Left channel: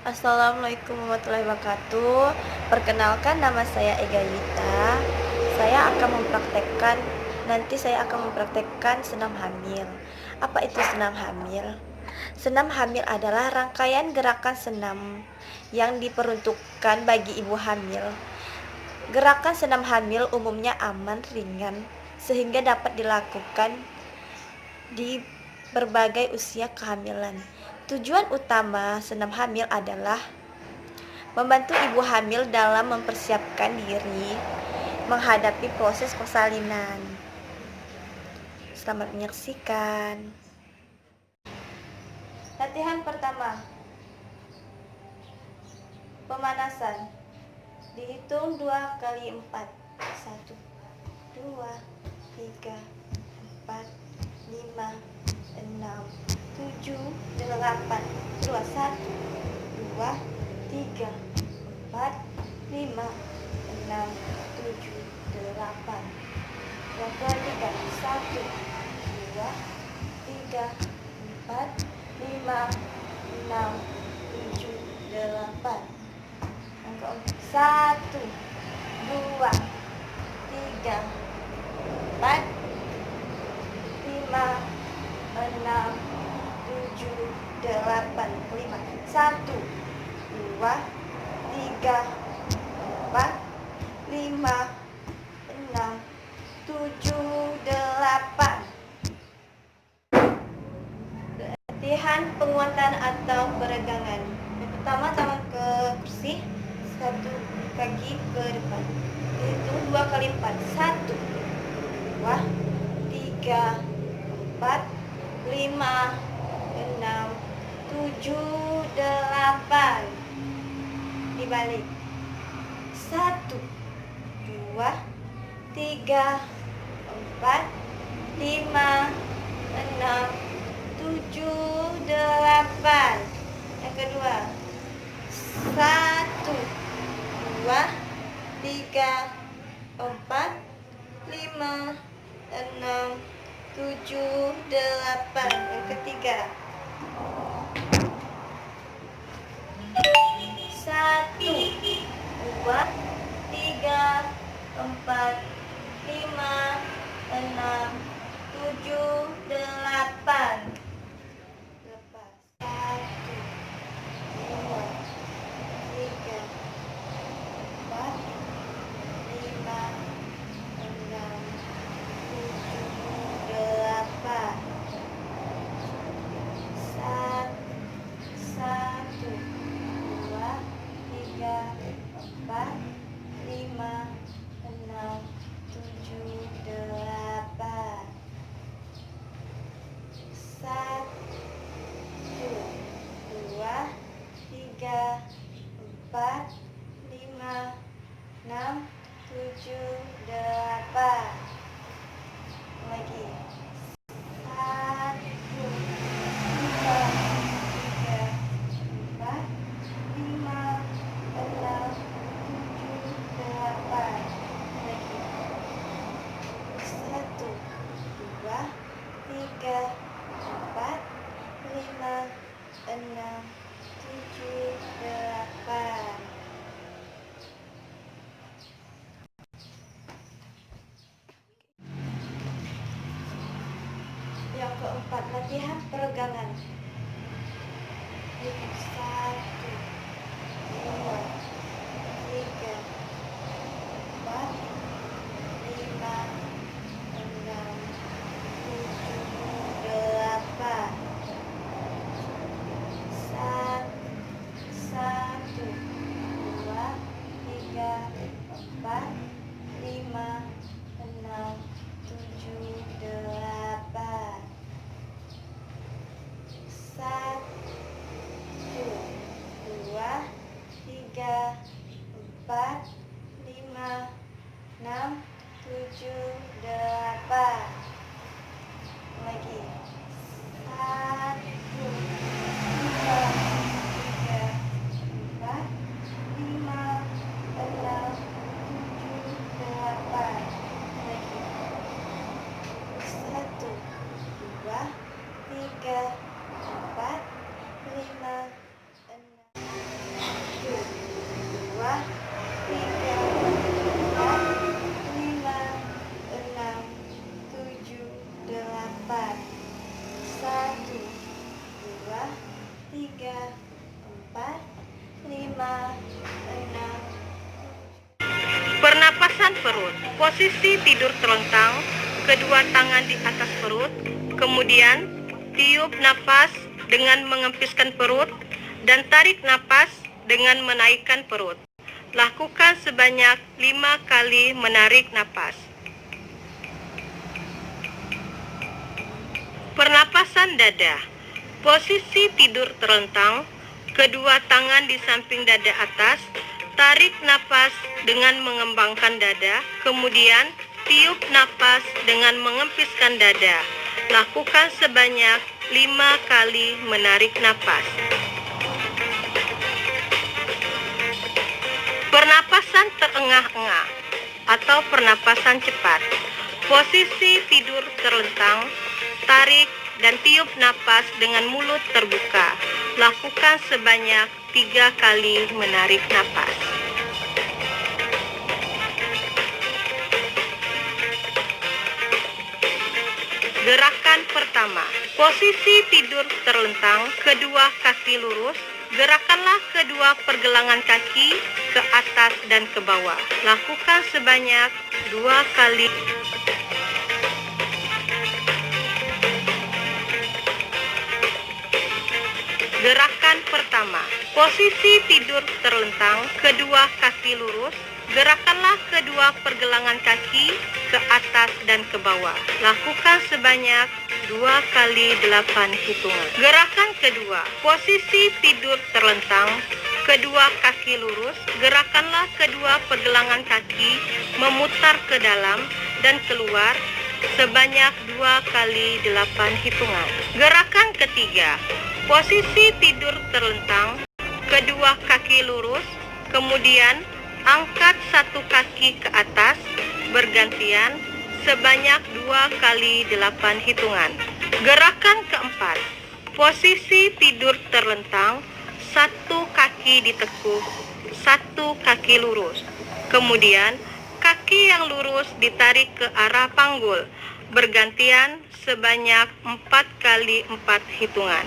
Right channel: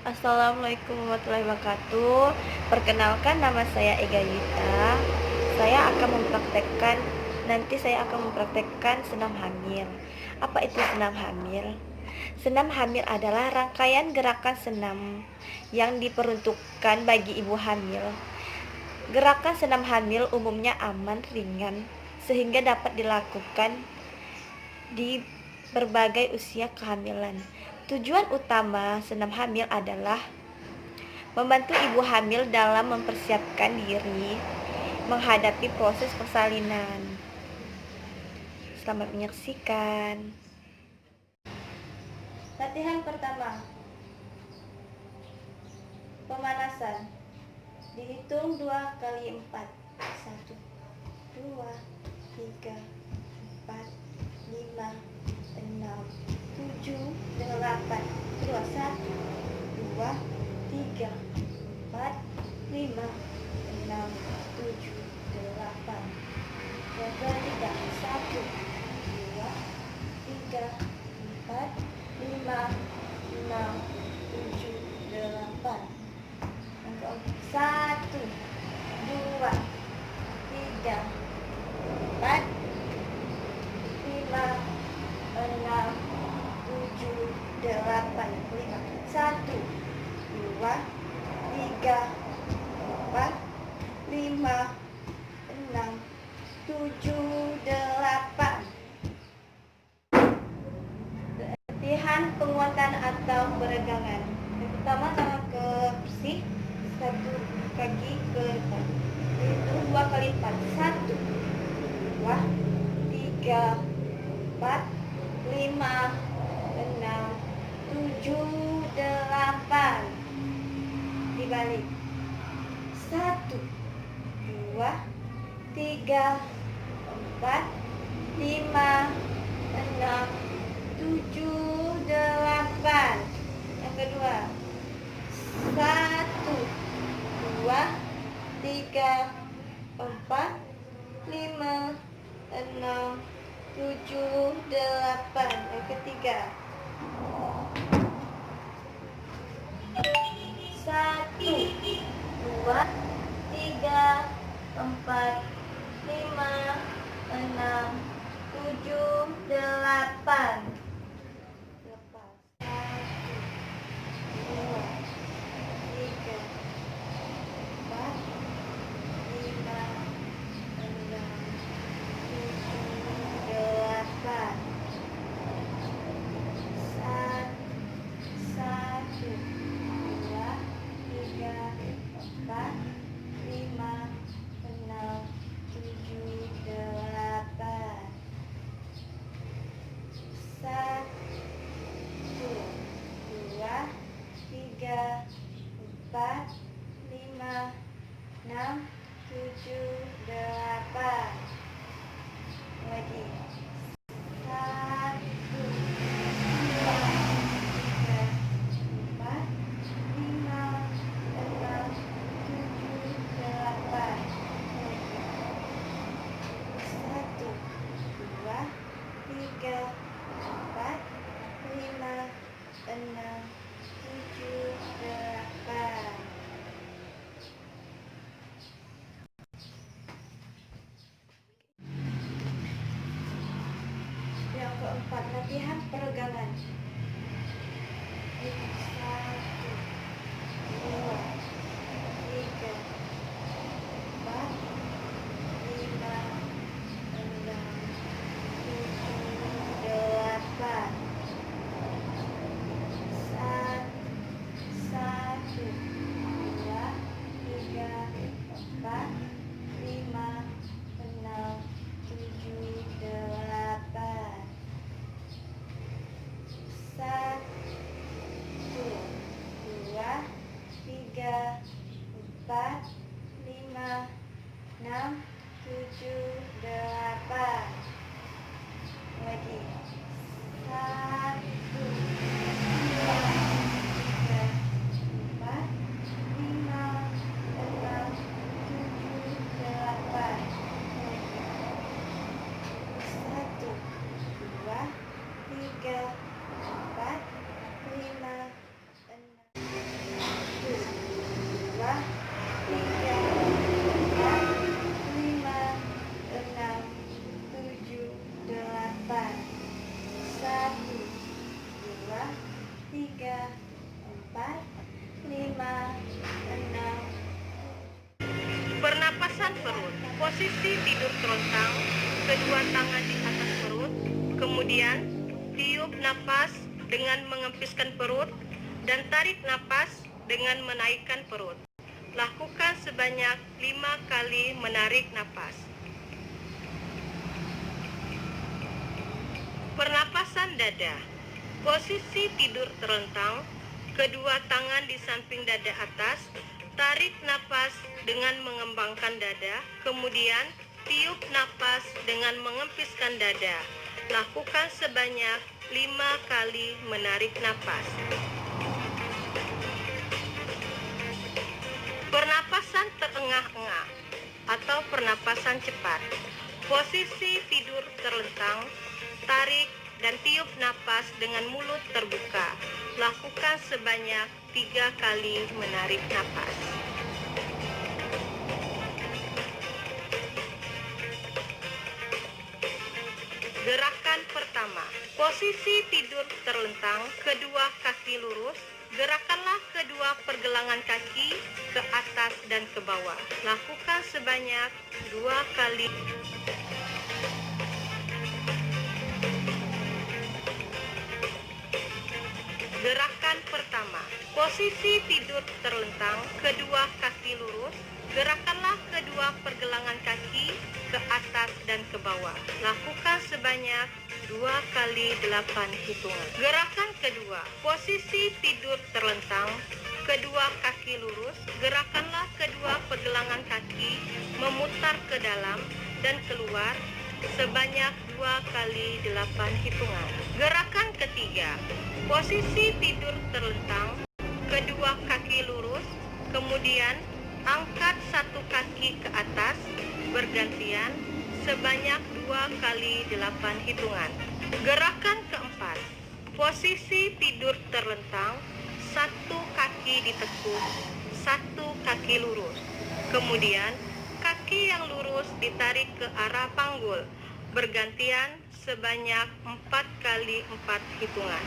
Assalamualaikum warahmatullahi wabarakatuh. Perkenalkan, nama saya Ega Yita. Nanti saya akan mempraktekkan senam hamil. Apa itu senam hamil? Senam hamil adalah rangkaian gerakan senam yang diperuntukkan bagi ibu hamil. Gerakan senam hamil umumnya aman, ringan, sehingga dapat dilakukan di berbagai usia kehamilan. Tujuan utama senam hamil adalah membantu ibu hamil dalam mempersiapkan diri menghadapi proses persalinan. Selamat menyaksikan. Latihan pertama, pemanasan. Dihitung 2 kali 4. 1, 2, 3, 4, 5, 6, 7, 8. Kedua, 1, 2, 3, 4, 5, 6, 7, 8. Yang ketiga, 1, 2, 3, 4, 5, 6, 7, 8. Yang keempat, 1, 2, 3, 4, 5, 6, 7, 8. 5. 1, 2, 3, 4, 5, 6, 7, 8. Latihan penguatan atau peregangan. Yang pertama, tangan ke kursi, satu kaki ke depan. Itu 2 kali 4. 1, 2, 3, 4, 5, 6, 7, 8. Dibalik. 1, 2, 3, 4, 5, 6, 7, 8. Yang kedua, 1, 2, 3, 4, 5, 6, 7, 8. Yang ketiga, 1, 2, 3, 4, 5, 6, 7, 8. Lepas. 1, 2, 3, 4, 5, 6, 7, 8. 1, 2, 3, 4, 5, 6, 7, 8. 1, 2, 3, 4, 5, 6, 7, 8. Lagi. 1, 2, 3, 4, 5, 6, 7, 8. Lagi. 1, 2, 3, 4, 5, 6, 7, 8. Yang keempat, latihan peregangan. 1, 2, 3, 4, 5, 6, 7, 8. 1, 2, 3, 4, 5, 6, 7, 8. Gerakan perut. Posisi tidur terlentang, kedua tangan di atas perut, kemudian tiup napas dengan mengempiskan perut dan tarik napas dengan menaikkan perut. Lakukan sebanyak 5 kali menarik napas. Pernapasan dada. Posisi tidur terlentang, kedua tangan di samping dada atas, tarik napas dengan mengembangkan dada, kemudian tiup napas dengan mengempiskan dada. Lakukan sebanyak 5 kali menarik napas. Pernapasan terengah-engah atau pernapasan cepat. Posisi tidur terlentang, tarik dan tiup napas dengan mulut terbuka. Lakukan sebanyak 3 kali menarik napas. Gerakan pertama. Posisi tidur terlentang, kedua kaki lurus. Gerakanlah kedua pergelangan kaki ke atas dan ke bawah. Lakukan sebanyak 2 kali. Gerakan pertama. Posisi tidur terlentang, kedua kaki lurus. Gerakanlah kedua pergelangan kaki ke atas dan ke bawah. Lakukan sebanyak 2 kali 8 hitungan. Gerakan kedua. Posisi tidur terlentang, kedua kaki lurus. Gerakanlah kedua pergelangan kaki memutar ke dalam dan keluar sebanyak 2 kali 8 hitungan. Gerakan ketiga. Posisi tidur terlentang, kedua kaki lurus, kemudian angkat satu kaki ke atas bergantian sebanyak 2 kali 8 hitungan. Gerakan keempat. Posisi tidur terlentang, satu kaki ditekuk, satu kaki lurus. Kemudian kaki yang lurus ditarik ke arah panggul bergantian sebanyak 4 kali 4 hitungan.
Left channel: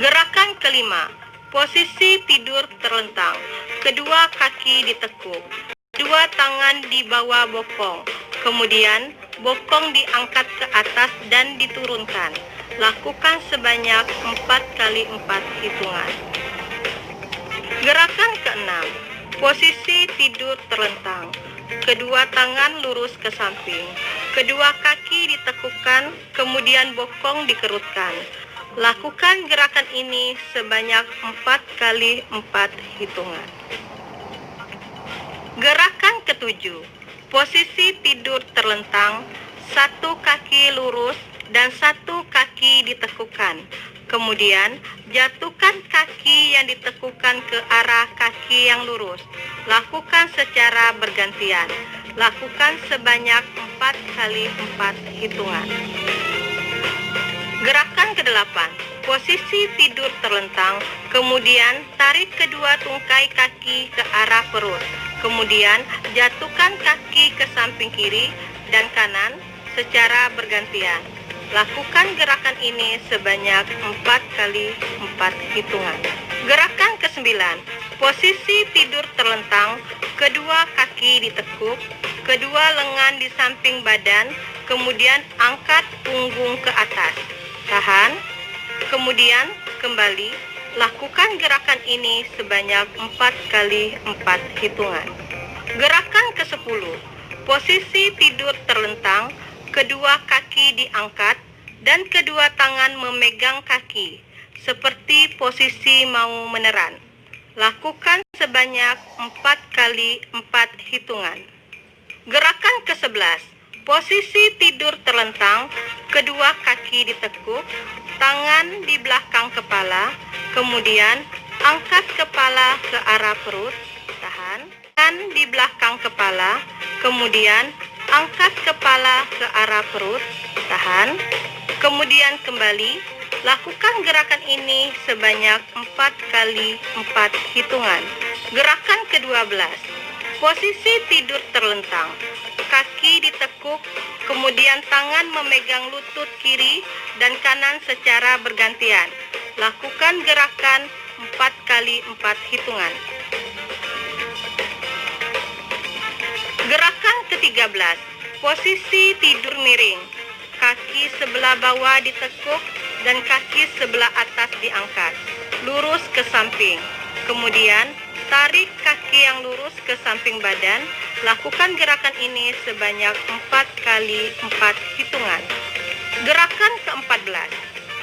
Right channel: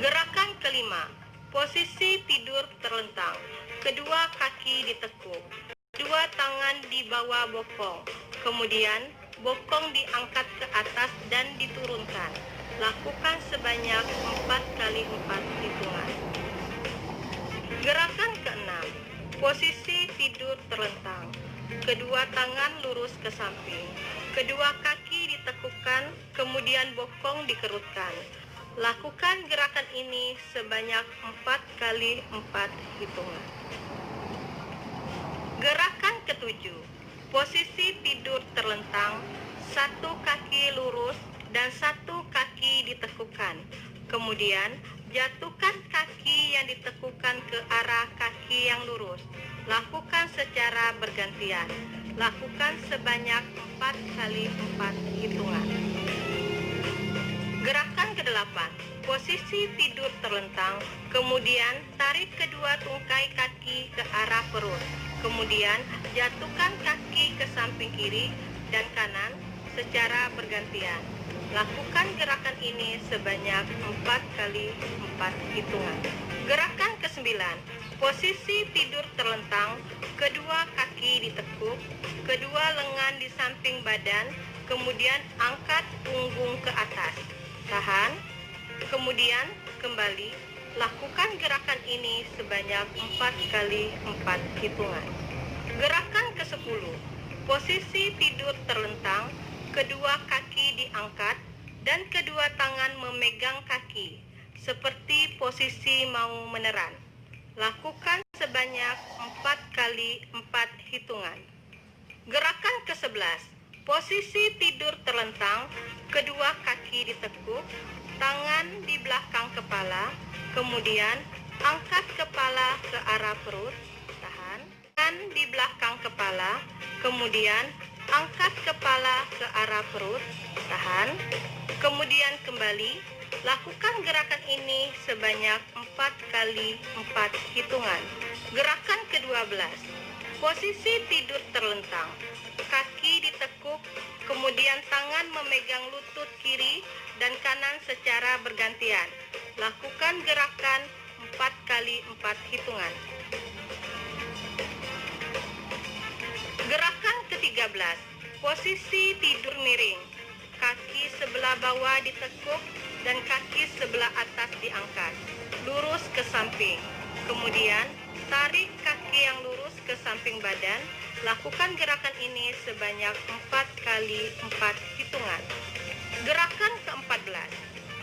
Gerakan kelima. Posisi tidur terlentang, kedua kaki ditekuk, dua tangan di bawah bokong, kemudian bokong diangkat ke atas dan diturunkan. Lakukan sebanyak 4 kali 4 hitungan. Gerakan keenam. Posisi tidur terlentang, kedua tangan lurus ke samping, kedua kaki ditekukkan, kemudian bokong dikerutkan. Lakukan gerakan ini sebanyak 4 kali 4 hitungan. Gerakan ketujuh. Posisi tidur terlentang, satu kaki lurus dan satu kaki ditekukkan. Kemudian jatuhkan kaki yang ditekukkan ke arah kaki yang lurus. Lakukan secara bergantian. Lakukan sebanyak 4 kali 4 hitungan. Gerakan ke-8. Posisi tidur terlentang, kemudian tarik kedua tungkai kaki ke arah perut. Kemudian jatuhkan kaki ke samping kiri dan kanan secara bergantian. Lakukan gerakan ini sebanyak 4 kali 4 hitungan. Gerakan ke-9. Posisi tidur terlentang, kedua kaki ditekuk, kedua lengan di samping badan, kemudian angkat punggung ke atas. Tahan, kemudian kembali. Lakukan gerakan ini sebanyak 4 kali 4 hitungan. Gerakan ke-10. Posisi tidur terlentang, kedua kaki diangkat dan kedua tangan memegang kaki, seperti posisi mau meneran. Lakukan sebanyak 4 kali 4 hitungan. Gerakan ke-11. Posisi tidur terlentang, kedua kaki ditekuk, tangan di belakang kepala, kemudian angkat kepala ke arah perut, tahan, tangan di belakang kepala, kemudian angkat kepala ke arah perut, tahan, kemudian kembali. Lakukan gerakan ini sebanyak 4 kali 4 hitungan. Gerakan ke-12. Posisi tidur terlentang, kaki ditekuk, kemudian tangan memegang lutut kiri dan kanan secara bergantian. Lakukan gerakan 4 kali 4 hitungan. Gerakan ke-13, posisi tidur miring. Kaki sebelah bawah ditekuk dan kaki sebelah atas diangkat, lurus ke samping. Kemudian, tarik kaki yang lurus ke samping badan. Lakukan gerakan ini sebanyak 4 kali 4 hitungan. Gerakan ke-14,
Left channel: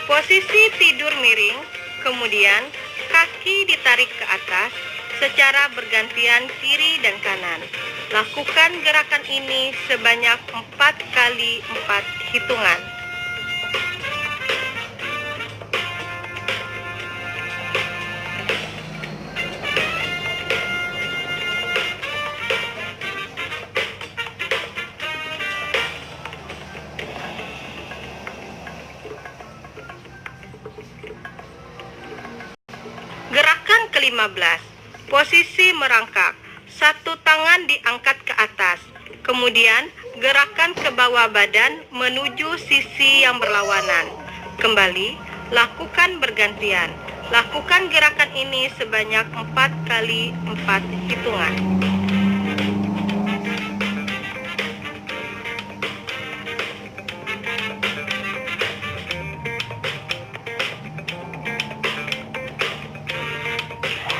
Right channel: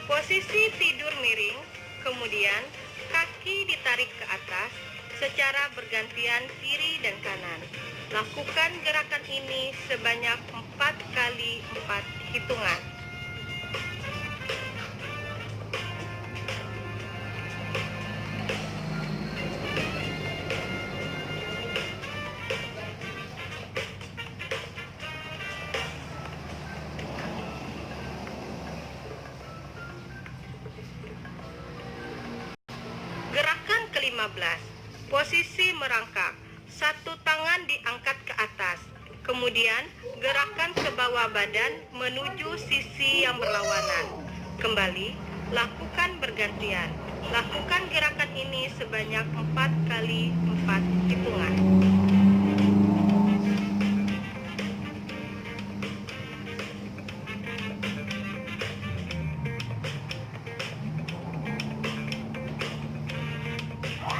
posisi tidur miring, kemudian kaki ditarik ke atas secara bergantian kiri dan kanan. Lakukan gerakan ini sebanyak 4 kali 4 hitungan. Gerakan ke-15, posisi merangkak. Satu tangan diangkat ke atas, kemudian gerakan ke bawah badan menuju sisi yang berlawanan. Kembali, lakukan bergantian. Lakukan gerakan ini sebanyak 4 kali 4 hitungan.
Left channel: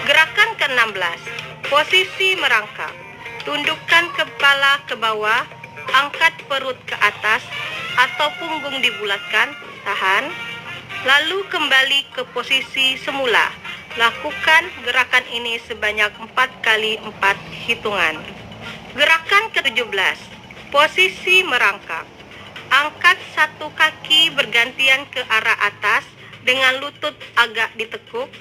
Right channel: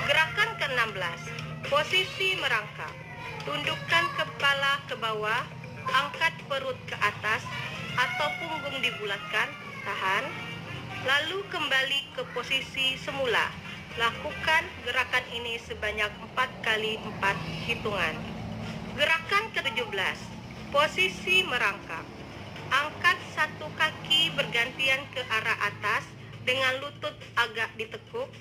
Gerakan ke-16, posisi merangkak. Tundukkan kepala ke bawah, angkat perut ke atas atau punggung dibulatkan, tahan. Lalu kembali ke posisi semula. Lakukan gerakan ini sebanyak 4 kali 4 hitungan. Gerakan ke-17, posisi merangkak. Angkat satu kaki bergantian ke arah atas dengan lutut agak ditekuk.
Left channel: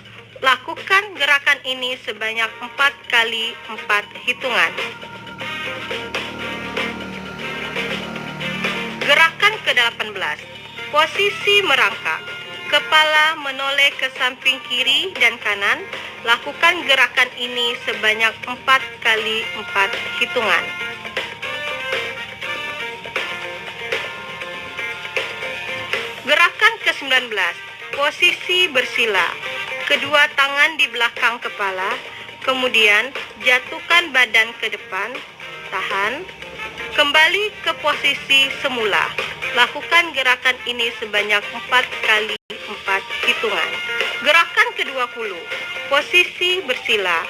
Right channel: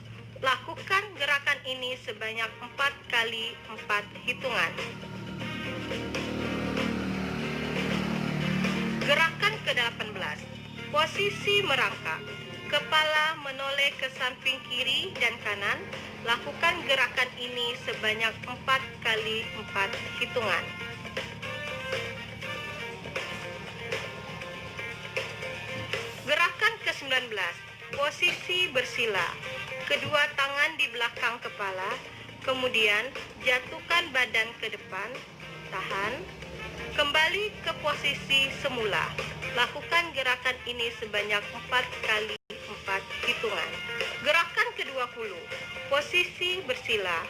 Lakukan gerakan ini sebanyak 4 kali 4 hitungan. Gerakan ke-18, posisi merangkak. Kepala menoleh ke samping kiri dan kanan. Lakukan gerakan ini sebanyak 4 kali 4 hitungan. Gerakan ke-19, posisi bersila. Kedua tangan di belakang kepala, kemudian jatuhkan badan ke depan, tahan. Kembali ke posisi semula. Lakukan gerakan ini sebanyak 4 kali 4 hitungan. Gerakan ke-20, posisi bersila.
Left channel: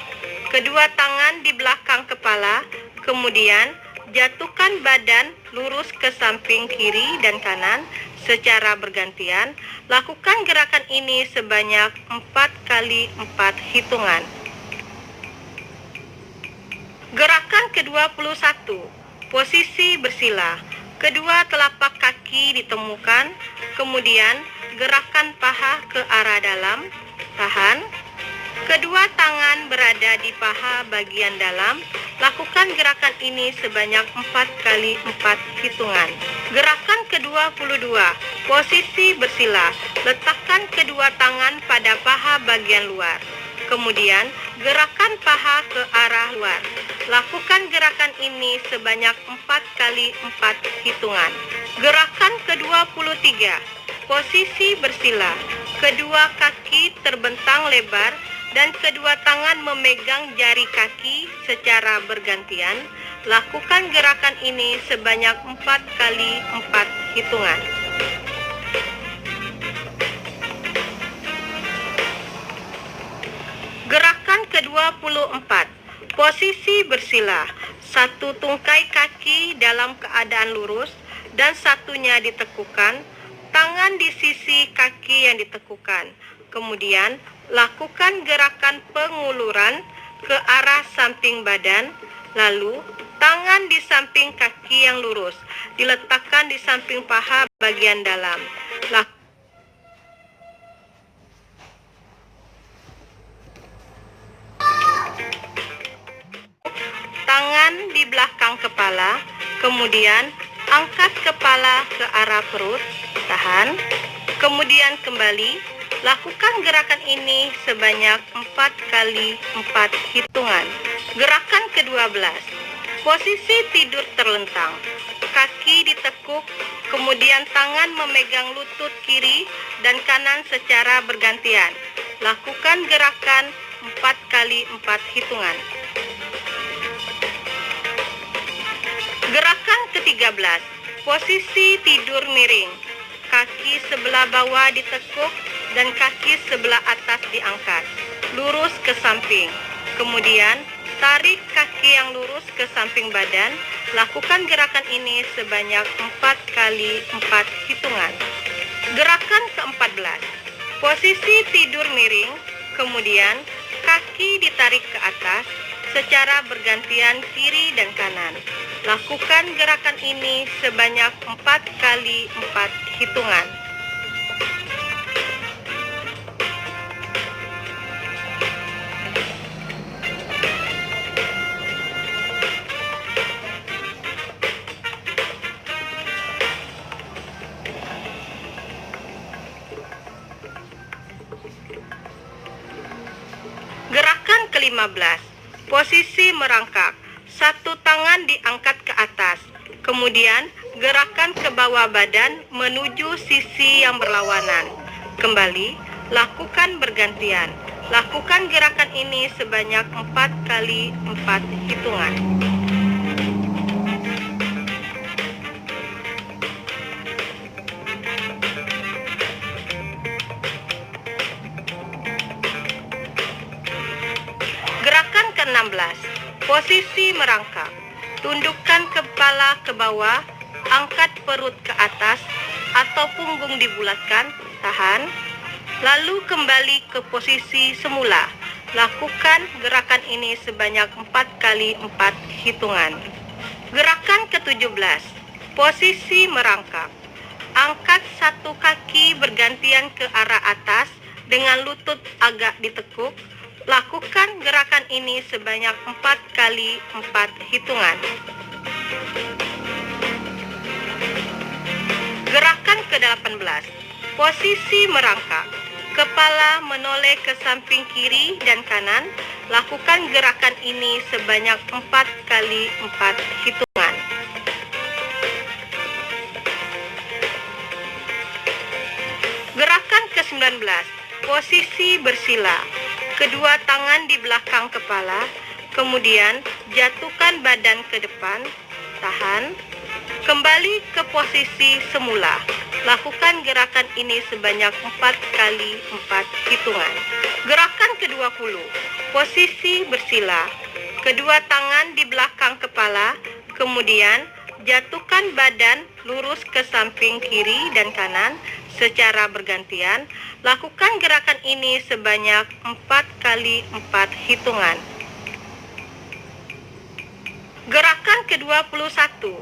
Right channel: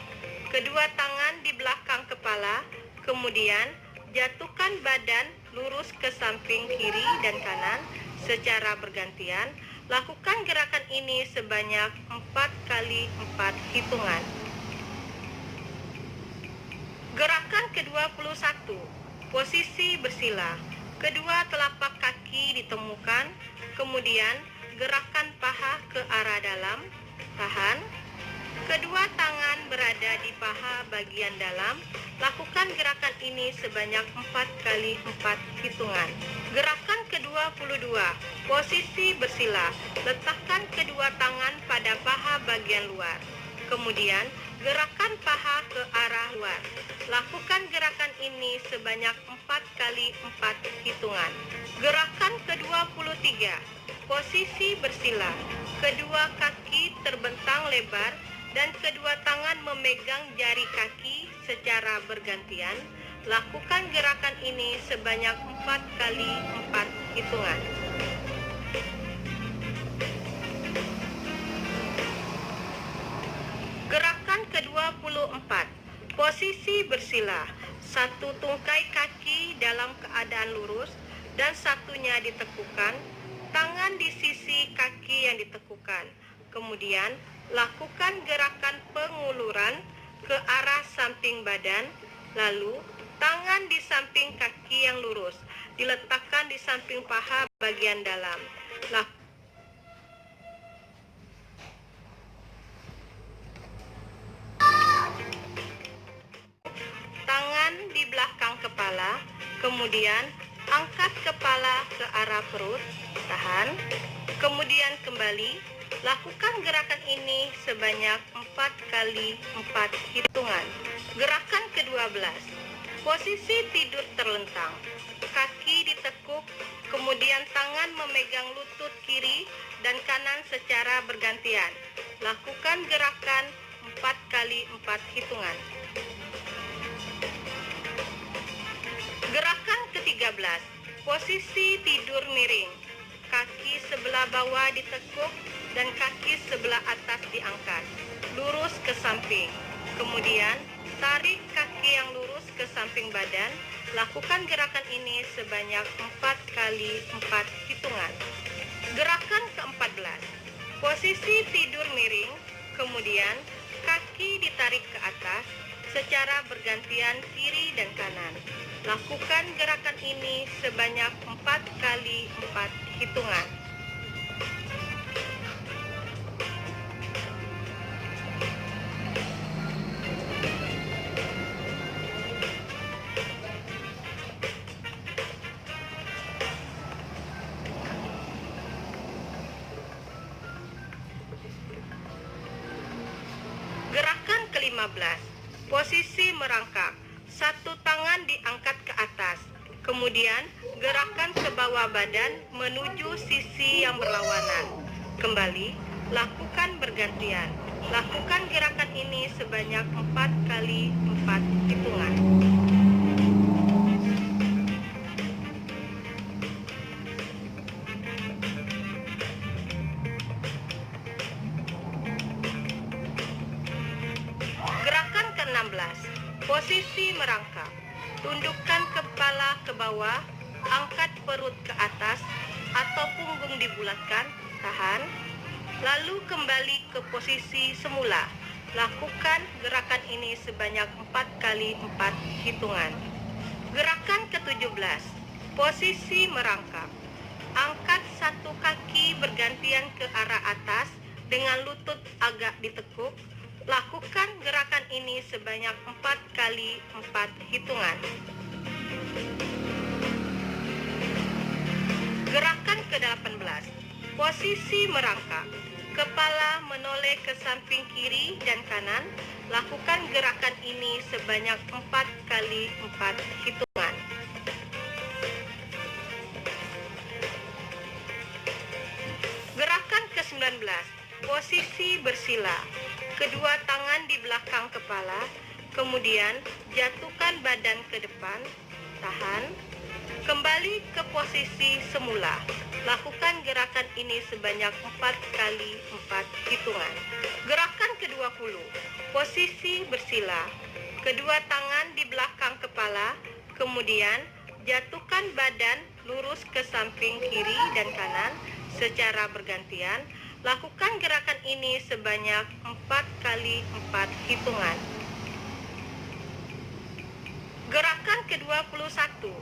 Kedua tangan di belakang kepala, kemudian jatuhkan badan lurus ke samping kiri dan kanan secara bergantian. Lakukan gerakan ini sebanyak 4 kali 4 hitungan. Gerakan ke-21, posisi bersila. Kedua telapak kaki ditemukan, kemudian gerakan paha ke arah dalam, tahan. Kedua tangan berada di paha bagian dalam. Lakukan gerakan ini sebanyak 4 kali 4 hitungan. Gerakan ke-22, posisi bersila. Letakkan kedua tangan pada paha bagian luar. Kemudian gerakan paha ke arah luar. Lakukan gerakan ini sebanyak 4 kali 4 hitungan. Gerakan ke-23, posisi bersila. Kedua kaki terbentang lebar dan kedua tangan memegang jari kaki secara bergantian. Lakukan gerakan ini sebanyak 4 kali 4 hitungan. Gerakan ke-24, posisi bersila. Satu tungkai kaki dalam keadaan lurus dan satunya ditekukan. Tangan di sisi kaki yang ditekukan. Kemudian lakukan gerakan penguluran ke arah samping badan. Lalu tangan di samping kaki yang lurus diletakkan di samping paha bagian dalam. Tangan di belakang kepala, kemudian angkat kepala ke arah perut, tahan, kemudian kembali. Lakukan gerakan ini sebanyak 4 kali 4 hitungan. Gerakan ke-12, posisi tidur terlentang. Kaki ditekuk, kemudian tangan memegang lutut kiri dan kanan secara bergantian. lakukan gerakan 4 kali 4 hitungan. Gerakan ke-13, posisi tidur miring. Kaki sebelah bawah ditekuk dan kaki sebelah atas diangkat, lurus ke samping. Kemudian, tarik kaki yang lurus ke samping badan. Lakukan gerakan ini sebanyak 4 kali 4 hitungan. Gerakan ke-14, posisi tidur miring. Kemudian, kaki ditarik ke atas secara bergantian kiri dan kanan. Lakukan gerakan ini sebanyak 4 kali 4 hitungan. Gerakan ke-15, posisi merangkak. Satu tangan diangkat ke atas, kemudian gerakan ke bawah badan menuju sisi yang berlawanan. Kembali, lakukan bergantian. Lakukan gerakan ini sebanyak 4 kali 4 hitungan. Gerakan ke-16, posisi merangkak. Tundukkan kepala ke bawah, angkat perut ke atas atau punggung dibulatkan, tahan. Lalu kembali ke posisi semula. Lakukan gerakan ini sebanyak 4 kali 4 hitungan. Gerakan ke-17, posisi merangkak. Angkat satu kaki bergantian ke arah atas dengan lutut agak ditekuk. Lakukan gerakan ini sebanyak 4 kali 4 hitungan. Gerakan ke-18, posisi merangkak. Kepala menoleh ke samping kiri dan kanan. Lakukan gerakan ini sebanyak 4 kali 4 hitungan. Gerakan ke-19, posisi bersila. Kedua tangan di belakang kepala, kemudian jatuhkan badan ke depan, tahan. Kembali ke posisi semula. Lakukan gerakan ini sebanyak 4 kali 4 hitungan. Gerakan ke-20, posisi bersila. Kedua tangan di belakang kepala, kemudian jatuhkan badan lurus ke samping kiri dan kanan secara bergantian. Lakukan gerakan ini sebanyak 4 kali 4 hitungan. Gerakan ke-21,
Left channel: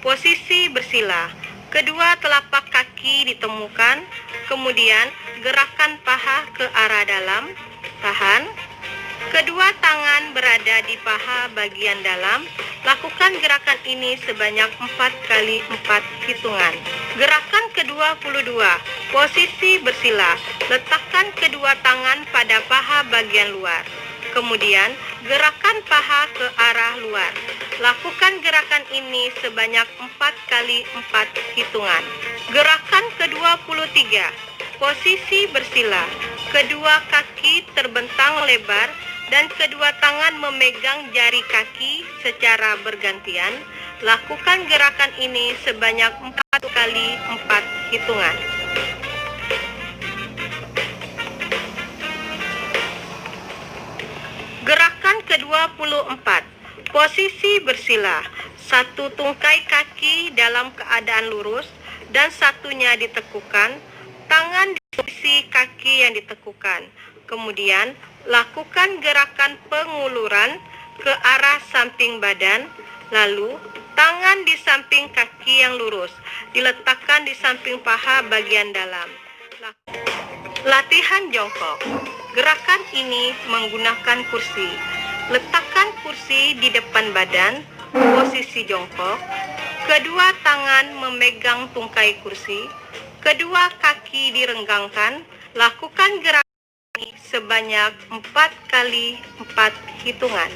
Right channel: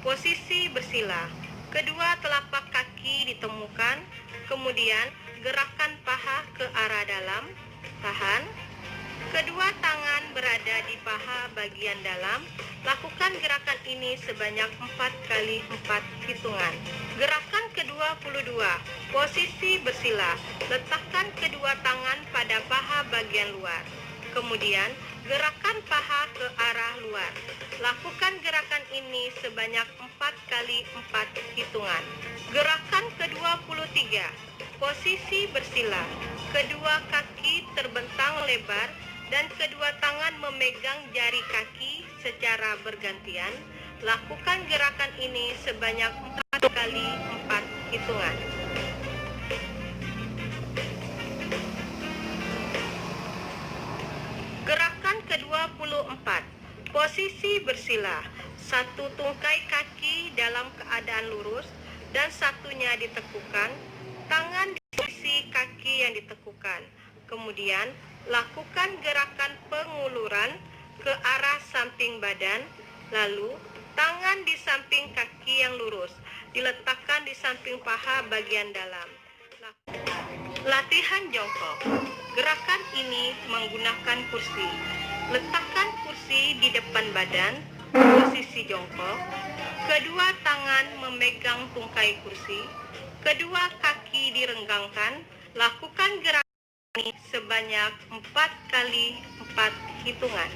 posisi bersila. Kedua telapak kaki ditemukan, kemudian gerakan paha ke arah dalam, tahan. Kedua tangan berada di paha bagian dalam. Lakukan gerakan ini sebanyak 4 kali 4 hitungan. Gerakan ke-22, posisi bersila. Letakkan kedua tangan pada paha bagian luar. Kemudian, gerakan paha ke arah luar. Lakukan gerakan ini sebanyak 4 kali 4 hitungan. Gerakan ke-23, posisi bersila. Kedua kaki terbentang lebar dan kedua tangan memegang jari kaki secara bergantian. Lakukan gerakan ini sebanyak 4 kali 4 hitungan. Gerakan ke-24, posisi bersila. Satu tungkai kaki dalam keadaan lurus dan satunya ditekukan. Tangan di posisi kaki yang ditekukan. Kemudian, lakukan gerakan penguluran ke arah samping badan. Lalu, tangan di samping kaki yang lurus diletakkan di samping paha bagian dalam. Latihan jongkok. Gerakan ini menggunakan kursi. Letakkan kursi di depan badan, posisi jongkok. Kedua tangan memegang tungkai kursi. Kedua kaki direnggangkan. Lakukan gerakan ini sebanyak 4 kali 4 hitungan.